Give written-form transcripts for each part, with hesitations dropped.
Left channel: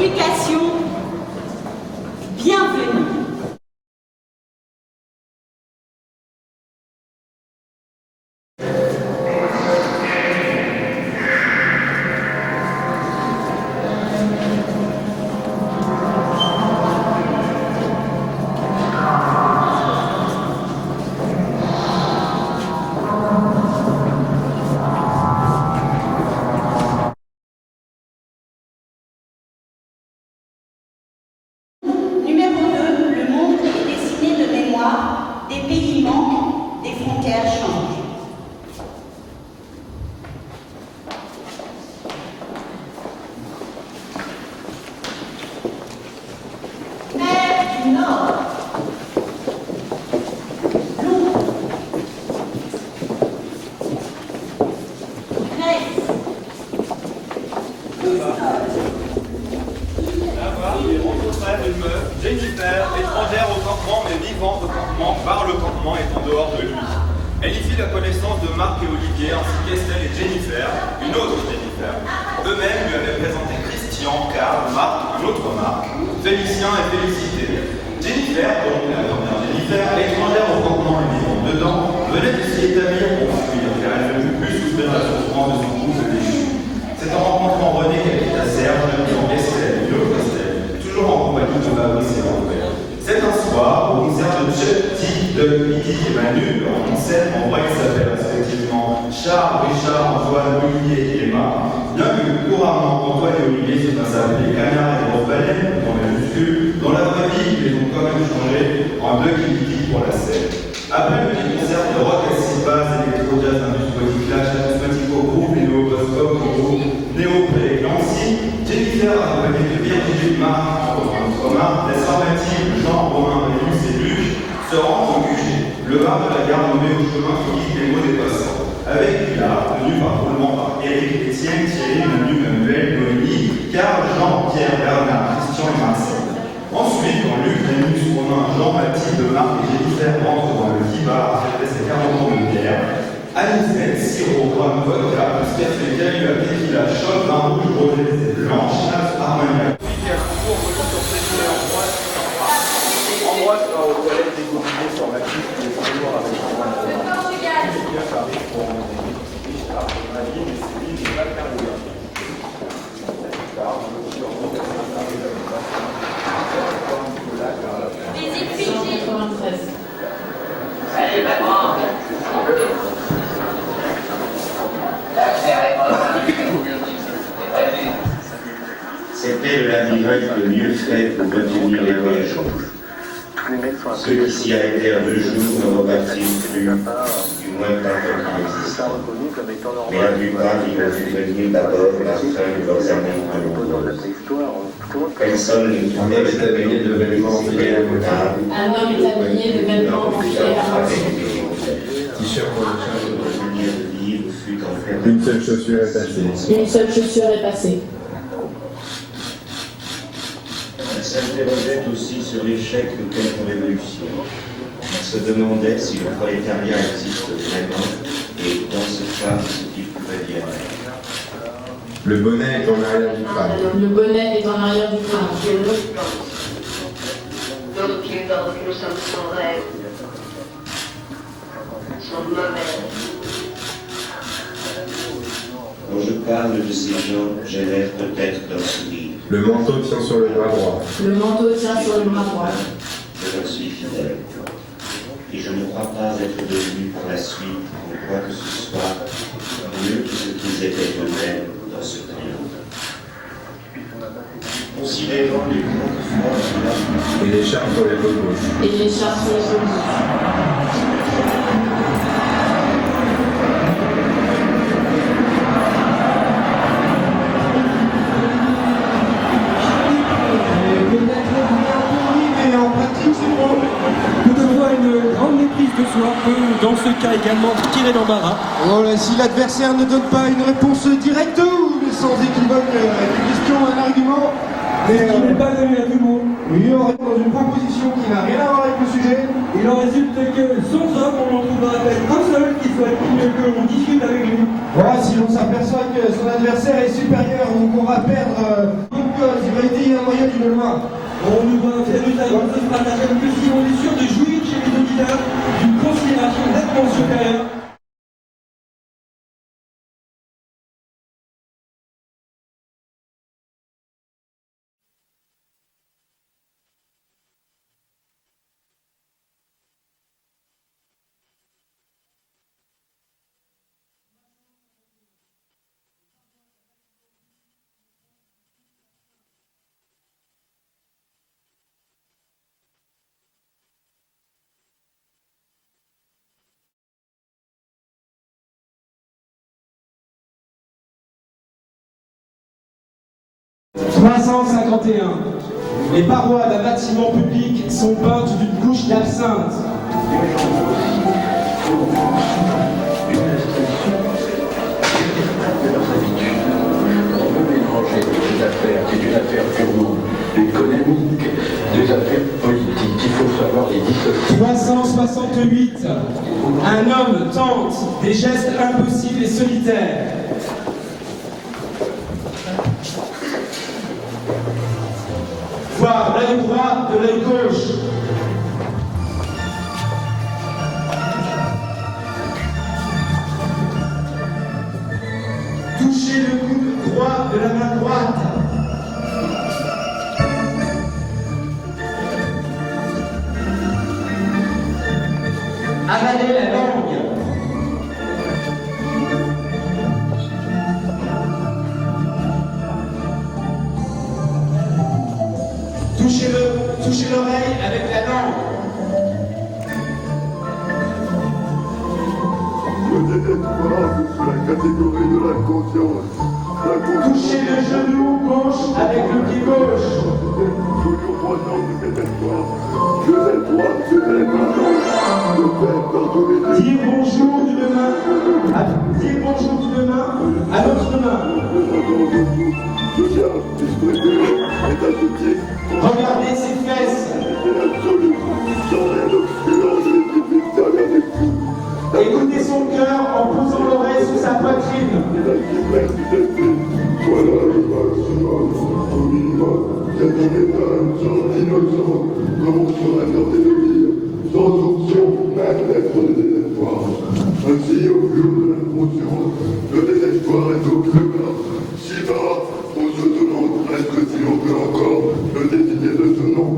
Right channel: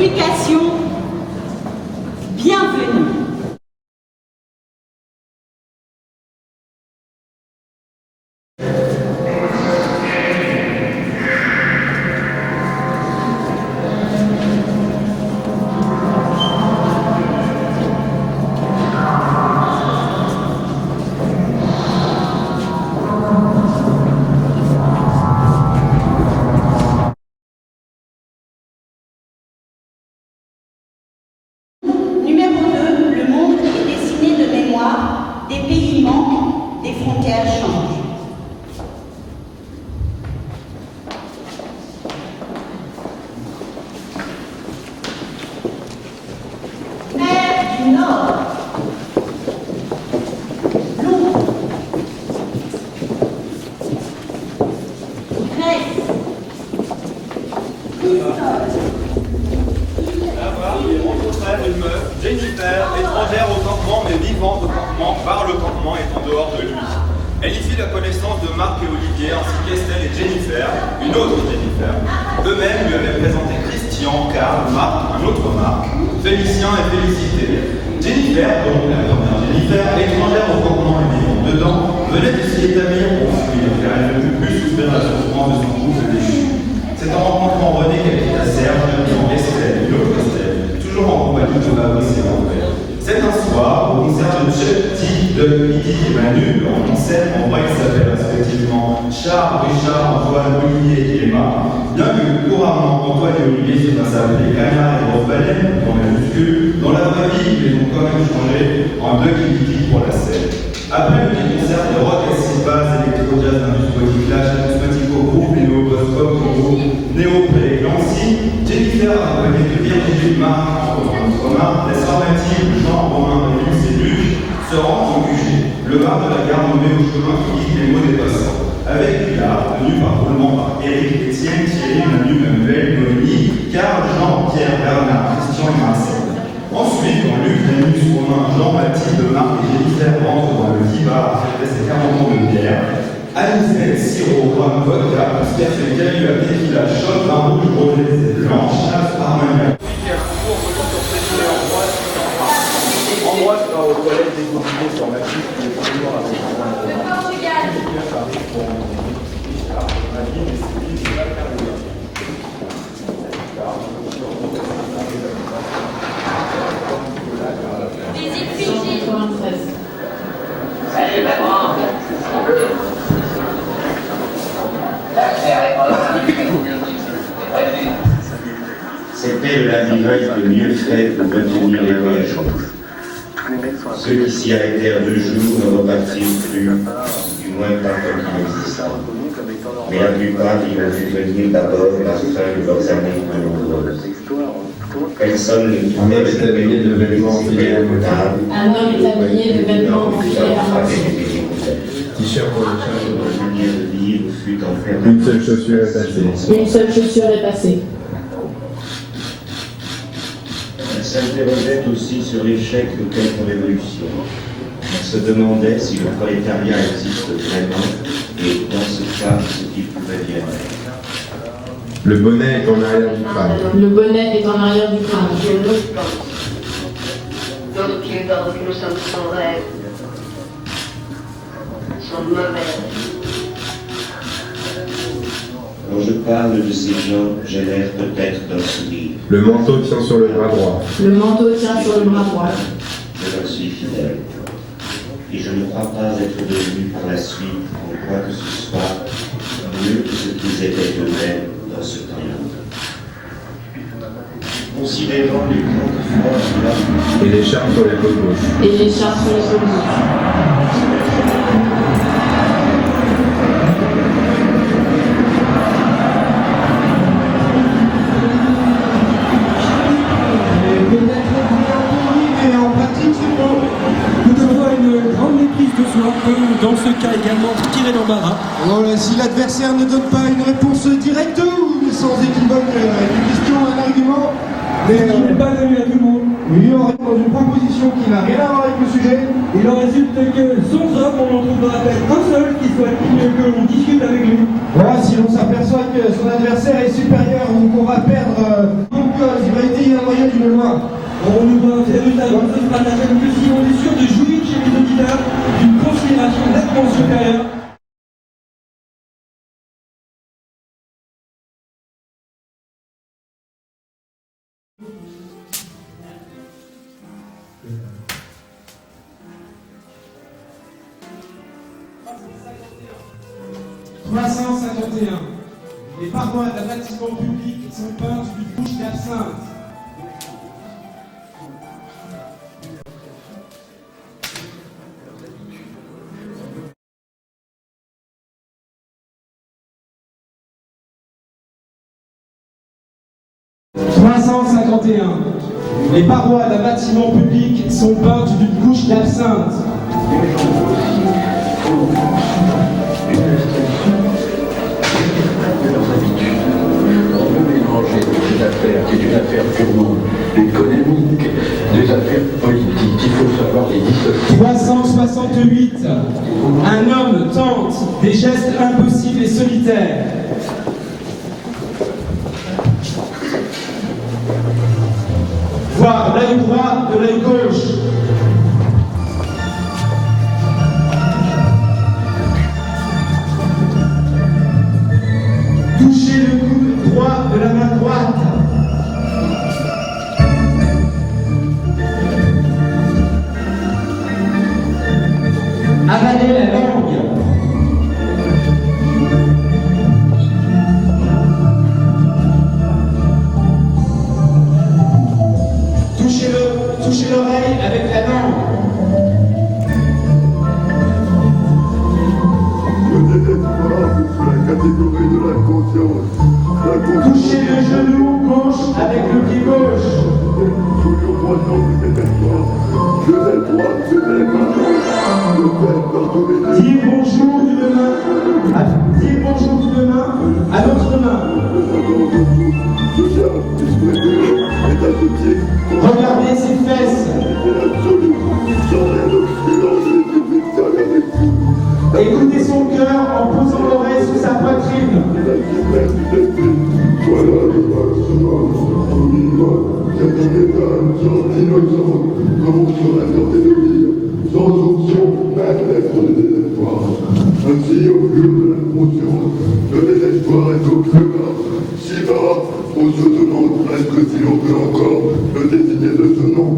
explications, bienvenue. Numéro 2, le monde est dessiné de mémoire, des pays manquent, des frontières changent. Mer du Nord, Londres, Grèce, Une meuf, Jennifer, étrangère au campement mais vivante au campement, par le campement est en dehors de lui. Elle y fit la connaissance de Marc et Olivier ainsi qu'Estelle et Jennifer, une autre Jennifer. Eux-mêmes lui avaient présenté Christian, Karl, Marc, un autre Marc, Félicien et Félicité. Jennifer, donc la première Jennifer, étrangère au campement et vivante dedans, venait de s'y établir pour fuir car elle ne put plus souffrir la souffrance de son couple déchu. C'est en rencontrant René qu'elle quitta Serge, devenant Estelle, une autre Estelle, toujours en compagnie de Fabrice et André. C'est un soir au concert de Chucky, de Lydie et Manu, en scène, en vrai, ils s'appellent respectivement Charles, Richard, Antoine, Olivier et Emma. Bien que couramment Antoine et Olivier se fassent appeler Canard et Gros-Baleine dans les muscles, dans la vraie vie, ils les ont quand même changés en deux Lydie pour la scène. Après le petit concert de rock à 6 bases, électro-jazz, industrie, clash, atmosphérico, groupe, néo-post-pop, néo-pré, Nancy, Jennifer accompagnée de Virginie, Marc, Romain, laisse formative, Jean, Romain, Rémus et Luc se rendent au QG, le bar de la gare nommé au chemin qui guide les mots des passants. Avec Pilar, tenu par roulement par Éric, Étienne, Thierry, Manu, Manuel, Noémie, Carl, Jean, Pierre, Bernard, Christian et Marcel. Ensuite, quand Luc, Rémus, Romain, Jean, Mathilde, Marc et Jennifer rentrent dans le Kibar à fêter ses 40 ans de bière, Anisette, sirop, rhum, vodka, Sperfet, Calula, tequila, shot, vin rouge, rosé, blanche, chasse, armagnac. En droite, aux toilettes des gourmets sur ma piste, les toujours avec le Portugal. Visite Fidji. Salut maman. C'était le labyrinthe le mieux fait pour retenir les voyageurs. Ceux qui s'y arrêtèrent 2 jours ne repartirent plus, du moins pas comme ils existaient. Mais la plupart y ont vu venir d'abord la fin de leurs années de nombreuses. Personne ne trouvait habillé de vêtements fiers potables. Un homme est habillé de vêtements fiers. T-shirt pour le charge de vivre fut enfermé. Une seule chaussure est passée. Une seule chaussure est passée. Elle s'interrogeait aussi sur l'échec de quelque révolution. Elle se demandait si le prolétariat existe vraiment et, dans ce cas, ce qu'il pouvait bien être. Le bonnet est en arrière du crâne. Le bonnet est en arrière du crâne. D'autres qui pensent que nous sommes sans rêve sont mauvais. Quand je parle de ces gens, j'ai l'air peut-être d'un sourire. Le manteau tient sur le bras droit. Le manteau tient sur le bras droit. Je leur suis fidèle. Et je ne crois pas être devenu par la suite, en quoi que ce soit, mieux que ce qu'ils étaient eux-mêmes dans ce triomphe. Considérant les grandes froids Et l'écharpe sur l'épaule gauche. Et l'écharpe sur l'épaule gauche. Dans ce cas également tiré d'embarras. Voilà, si l'adversaire ne donne pas une réponse directe ou sans équivoque, une question, un argument, Mais qui n'est pas donné à tout le monde. il aurait dans une proposition qui n'a rien à voir avec le sujet. Il en résulte que sans homme, on n'en trouvera à peine un seul qui soit digne que l'on discute avec lui. Voilà, si l'on s'aperçoit que son adversaire est supérieur ou qu'on va perdre, donc il va aider mémoire. On nous voit faire usage de ce stratagème que si on est sûr de jouir chez les auditeurs d'une considération nettement supérieure. Les parois d'un bâtiment public sont peintes d'une couche d'absinthe. Les parois d'un bâtiment public sont peintes d'une couche d'absinthe. Des affaires, c'est une affaire purement économique, des affaires politiques, il faut savoir les dissocier. 368. Un homme tente des gestes impossibles et solitaires. Voir l'œil droit de l'œil gauche. Toucher le coude droit de la main droite. Avaler la langue. Toucher l'oreille avec la langue. Le désespoir sous la catégorie de la conscience. Toucher le genou gauche avec le pied gauche. Toujours croissant du désespoir. Je l'ai droit, je l'ai maintenant. Le faire par tous les deux. Dire bonjour d'une main. Dire bonjour d'une main à l'autre main. Le charme distribué est associé. Regardez ses fesses. C'est l'absolu. Sans rien d'obscur, les divines derrière les coups. Écoutez son cœur en posant l'oreille sur sa poitrine. La chimère du destin. Voilà le mal sauvage. Au minimum, c'est un état sans innocent. Comme on serait tenté de dire, sans option, même d'être de désespoir. Ainsi, au plus haut de l'inconscience, le désespoir est au plus bas. Si bas, on se demande presque si l'on peut encore le désigner de ce nom.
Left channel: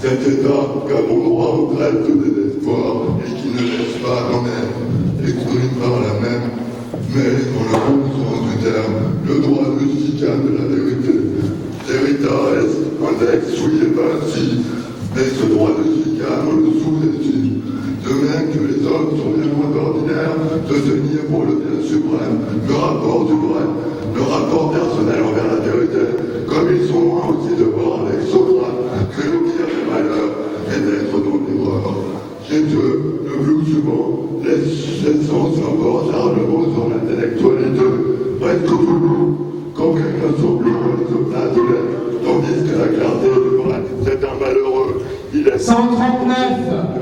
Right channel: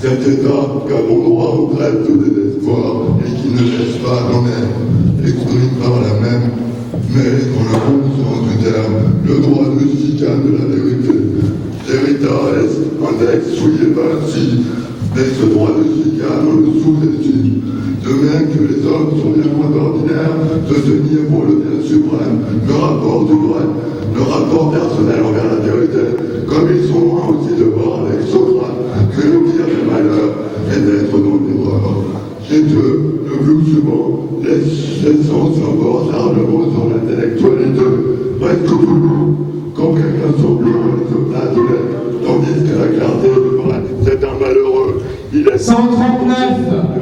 Cet état qu'a bon droit au traites de désespoir et qui ne laisse pas d'en-être, exprime par la même, mais dans le bon sens du terme, le droit de chicane de la vérité. Veritas, index souillé Vinci, mais ce droit de chicane, on le sous-estime. De même que les hommes sont bien moins ordinaires de tenir pour le bien suprême le rapport du vrai, le rapport personnel envers la vérité, comme ils sont loin aussi de voir avec Socrate que le pire des malheurs est d'être dans l'erreur. Chez eux, le plus souvent, les sens l'emportent largement sur l'intellectualité, presque toujours, quand quelqu'un semble se place de l'être, tandis que la clarté du vrai, c'est un malheureux. Il est 139.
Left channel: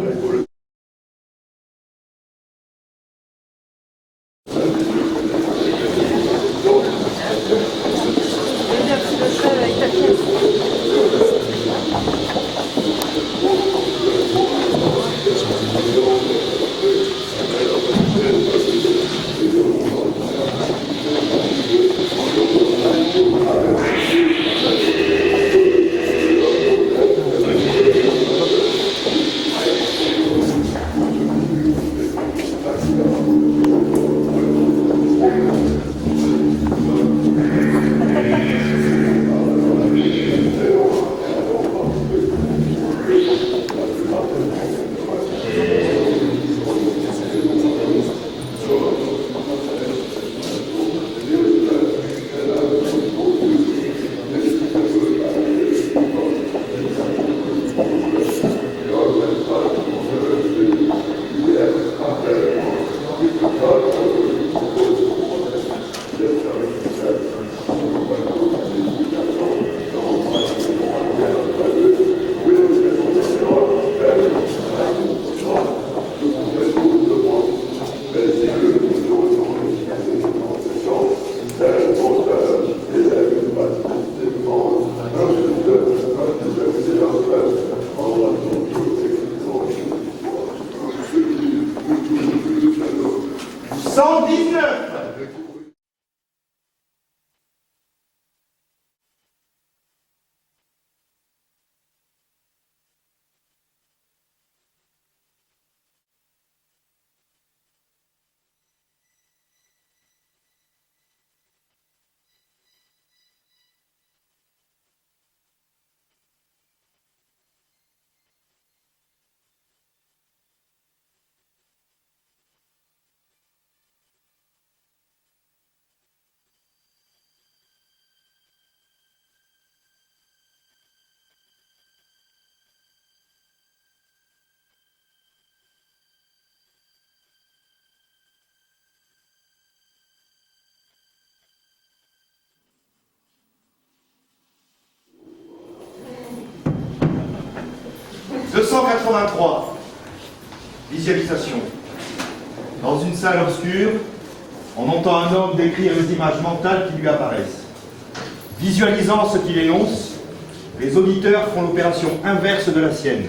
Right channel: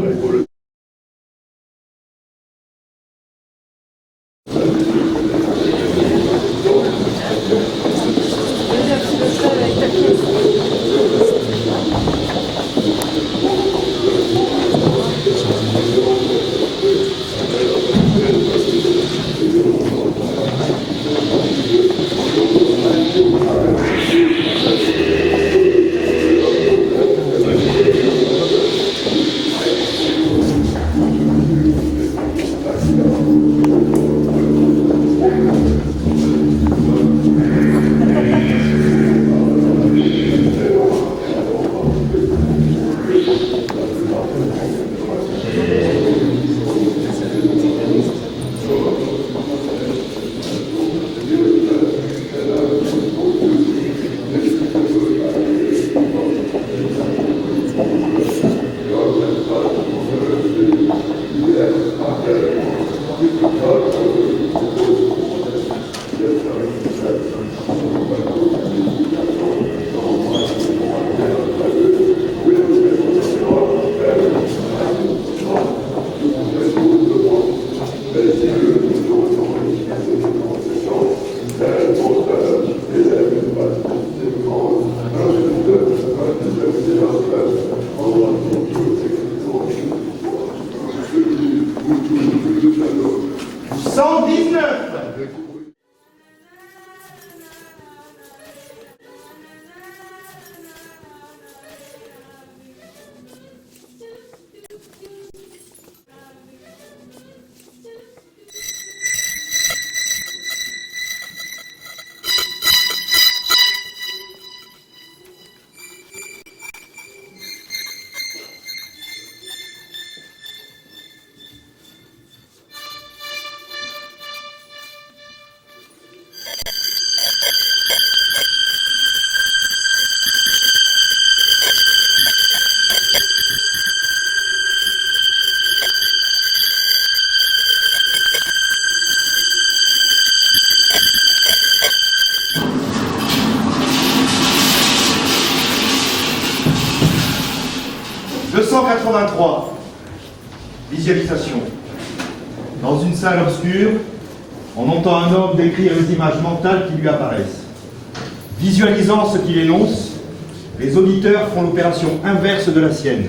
283. Visualisation. Dans une salle obscure, on entend un homme décrire les images mentales qui lui apparaissent. Visualisant ce qu'il énonce, les auditeurs font l'opération inverse de la sienne.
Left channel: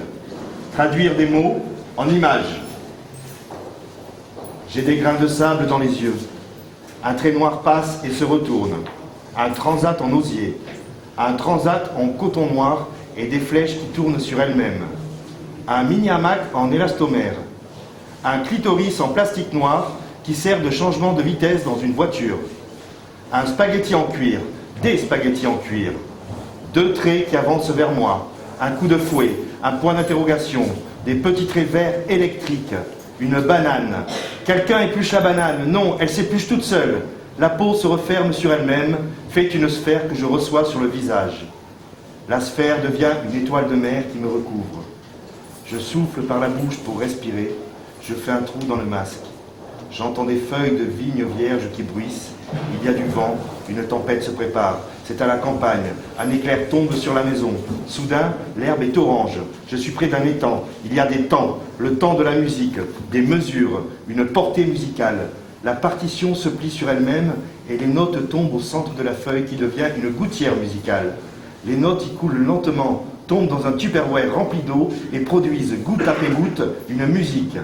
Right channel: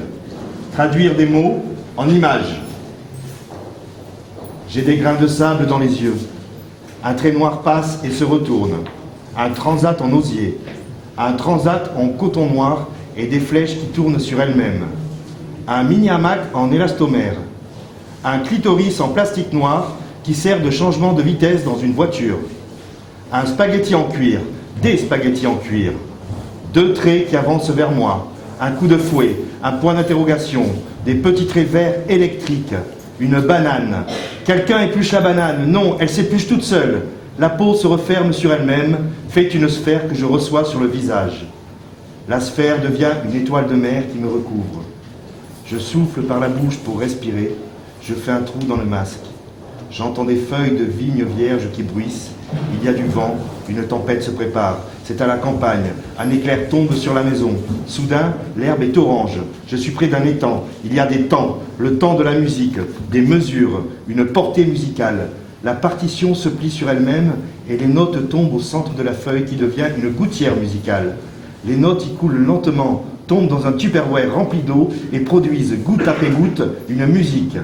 Traduire des mots en images. J'ai des grains de sable dans les yeux. Un trait noir passe et se retourne. Un transat en osier. Un transat en coton noir et des flèches qui tournent sur elles-mêmes. Un mini-hamac en élastomère. Un clitoris en plastique noir qui sert de changement de vitesse dans une voiture. Un spaghetti en cuir. Des spaghettis en cuir. 2 traits qui avancent vers moi. Un coup de fouet. Un point d'interrogation. Des petits traits verts électriques. Une banane. Quelqu'un épluche la banane. Non, elle s'épluche toute seule. La peau se referme sur elle-même, fait une sphère que je reçois sur le visage. La sphère devient une étoile de mer qui me recouvre. Je souffle par la bouche pour respirer. Je fais un trou dans le masque. J'entends des feuilles de vigne vierge qui bruissent. Il y a du vent. Une tempête se prépare. C'est à la campagne. Un éclair tombe sur la maison. Soudain, l'herbe est orange. Je suis près d'un étang. Il y a des temps. Le temps de la musique. Des mesures. Une portée musicale. La partition se plie sur elle-même et les notes tombent au centre de la feuille qui devient une gouttière musicale. Les notes y coulent lentement, tombent dans un tupperware rempli d'eau et produisent goutte après goutte une musique.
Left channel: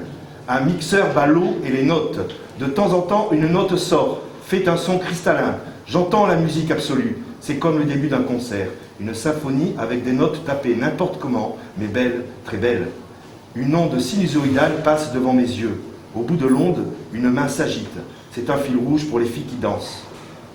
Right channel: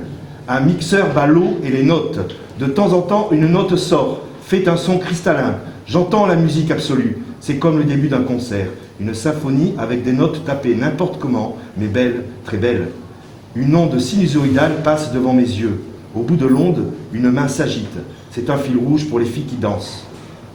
Un mixeur bat l'eau et les notes. De temps en temps, une note sort, fait un son cristallin. J'entends la musique absolue. C'est comme le début d'un concert. Une symphonie avec des notes tapées n'importe comment, mais belles, très belles. Une onde sinusoïdale passe devant mes yeux. Au bout de l'onde, une main s'agite. C'est un fil rouge pour les filles qui dansent.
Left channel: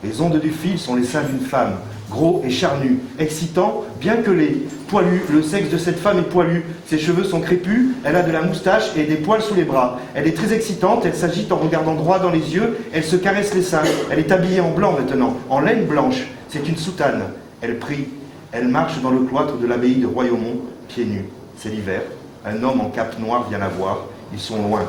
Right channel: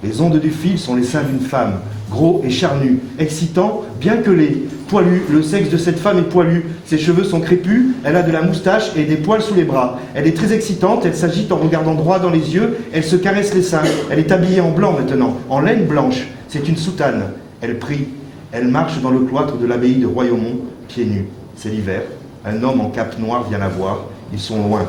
Les ondes du fil sont les seins d'une femme, gros et charnu, excitant, bien que laid, poilu. Le sexe de cette femme est poilu. Ses cheveux sont crépus, elle a de la moustache et des poils sous les bras. Elle est très excitante, elle s'agite en regardant droit dans les yeux, elle se caresse les seins. Elle est habillée en blanc maintenant, en laine blanche. C'est une soutane. Elle prie. Elle marche dans le cloître de l'abbaye de Royaumont, pieds nus. C'est l'hiver. Un homme en cape noire vient la voir. Ils sont loin.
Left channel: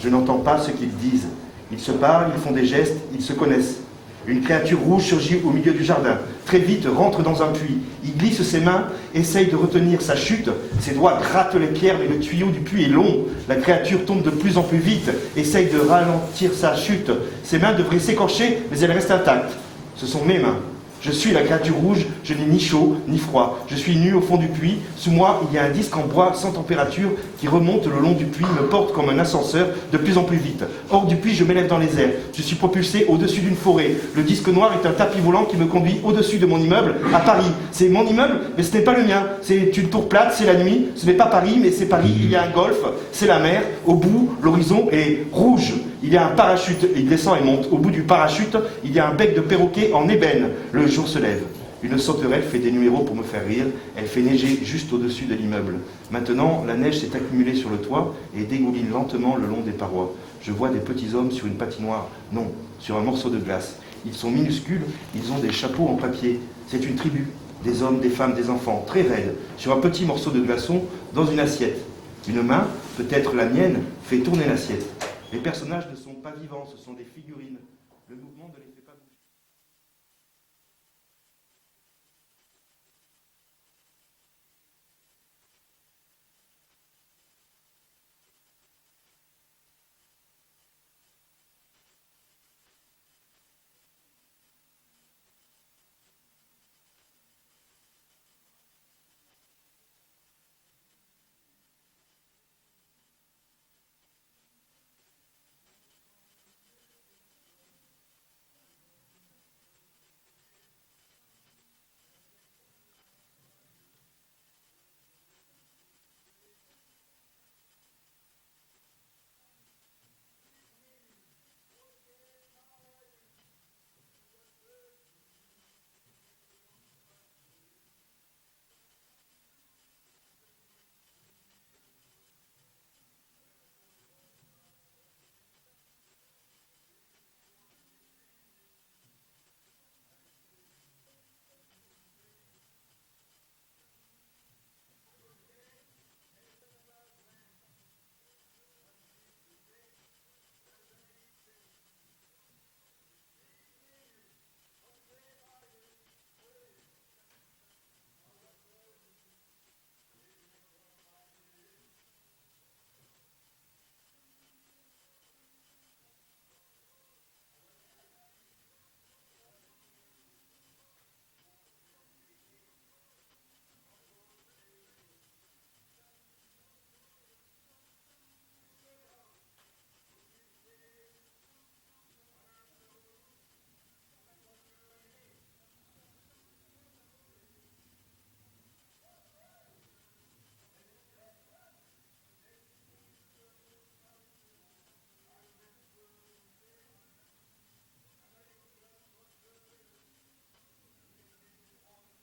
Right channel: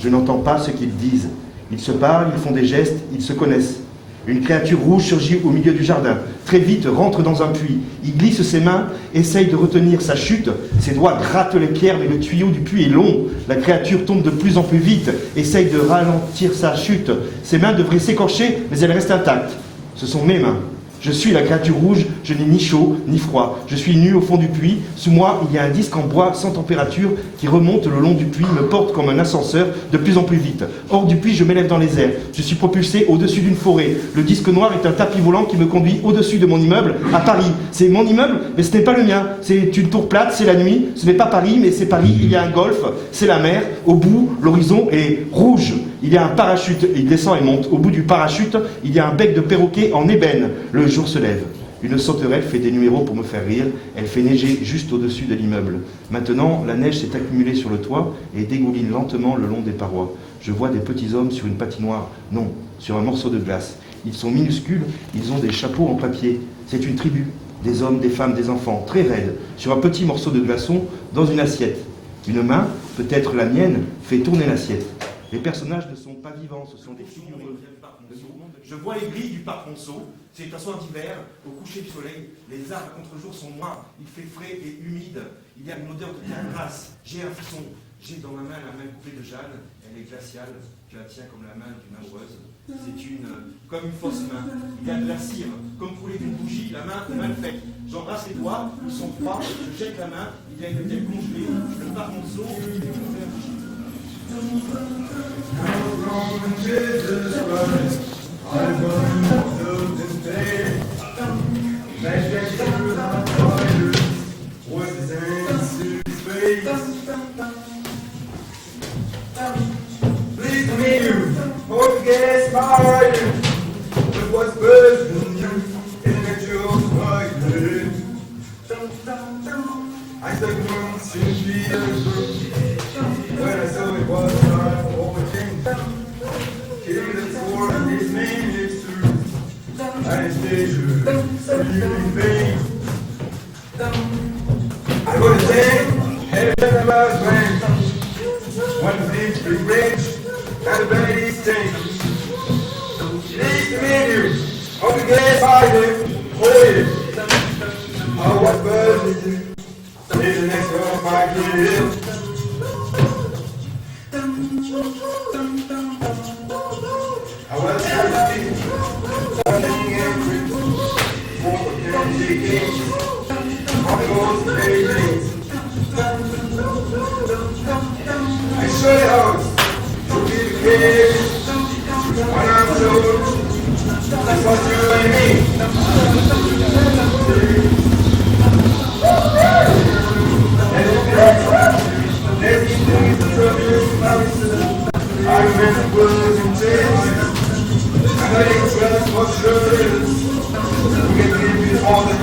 Je n'entends pas ce qu'ils disent. Ils se parlent, ils font des gestes, ils se connaissent. Une créature rouge surgit au milieu du jardin. Très vite, rentre dans un puits. Il glisse ses mains, essaye de retenir sa chute. Ses doigts grattent les pierres, mais le tuyau du puits est long. La créature tombe de plus en plus vite, essaye de ralentir sa chute. Ses mains devraient s'écorcher, mais elles restent intactes. Ce sont mes mains. Je suis la créature rouge, je n'ai ni chaud ni froid. Je suis nu au fond du puits. Sous moi, il y a un disque en bois sans température qui remonte le long du puits, me porte comme un ascenseur de plus en plus vite. Hors du puits, je m'élève dans les airs. Je suis propulsé au-dessus d'une forêt. Le disque noir est un tapis volant qui me conduit au-dessus de mon immeuble à Paris. C'est mon immeuble, mais ce n'est pas le mien. C'est une tour plate, c'est la nuit. Ce n'est pas Paris, mais c'est Paris. Il y a un golfe, c'est la mer. Au bout, l'horizon est rouge. Il y a un parachute, il descend et monte. Au bout du parachute, il y a un bec de perroquet en ébène. Le jour se lève. Une sauterelle fait des numéros pour me faire rire. Elle fait neiger juste au-dessus de l'immeuble. Maintenant, la neige s'est accumulée sur le toit et dégouline lentement le long des parois. Je vois des petits hommes sur une patinoire. Non, sur un morceau de glace. Ils sont minuscules, ils ont des chapeaux en papier. C'est une tribu. Des hommes, des femmes, des enfants, très raides, sur un petit morceau de glaçon dans une assiette. Une main, peut-être la mienne, fait tourner l'assiette. Les personnages ne sont pas vivants, ce sont des figurines. Je vois les grilles du parc Monceau. C'est un soir d'hiver, au coucher du soleil. Les arbres à contre-jour sont noirs. Il fait frais et humide. Il y a une odeur de terre grasse. J'ai un frisson. J'ai dans ma main la main coupée de Jeanne. Elle est glaciale. Je la tiens comme la main d'une amoureuse. C'est comme une fausse main. Il y a de la cire, comme coulée d'une bougie. La main est mal faite. J'embrasse les doigts. Ils sont froids. Je jette la main. Il y a une tête congelée. Le parc Monceau. Oh, what bird is it? Is the next one my kid? All the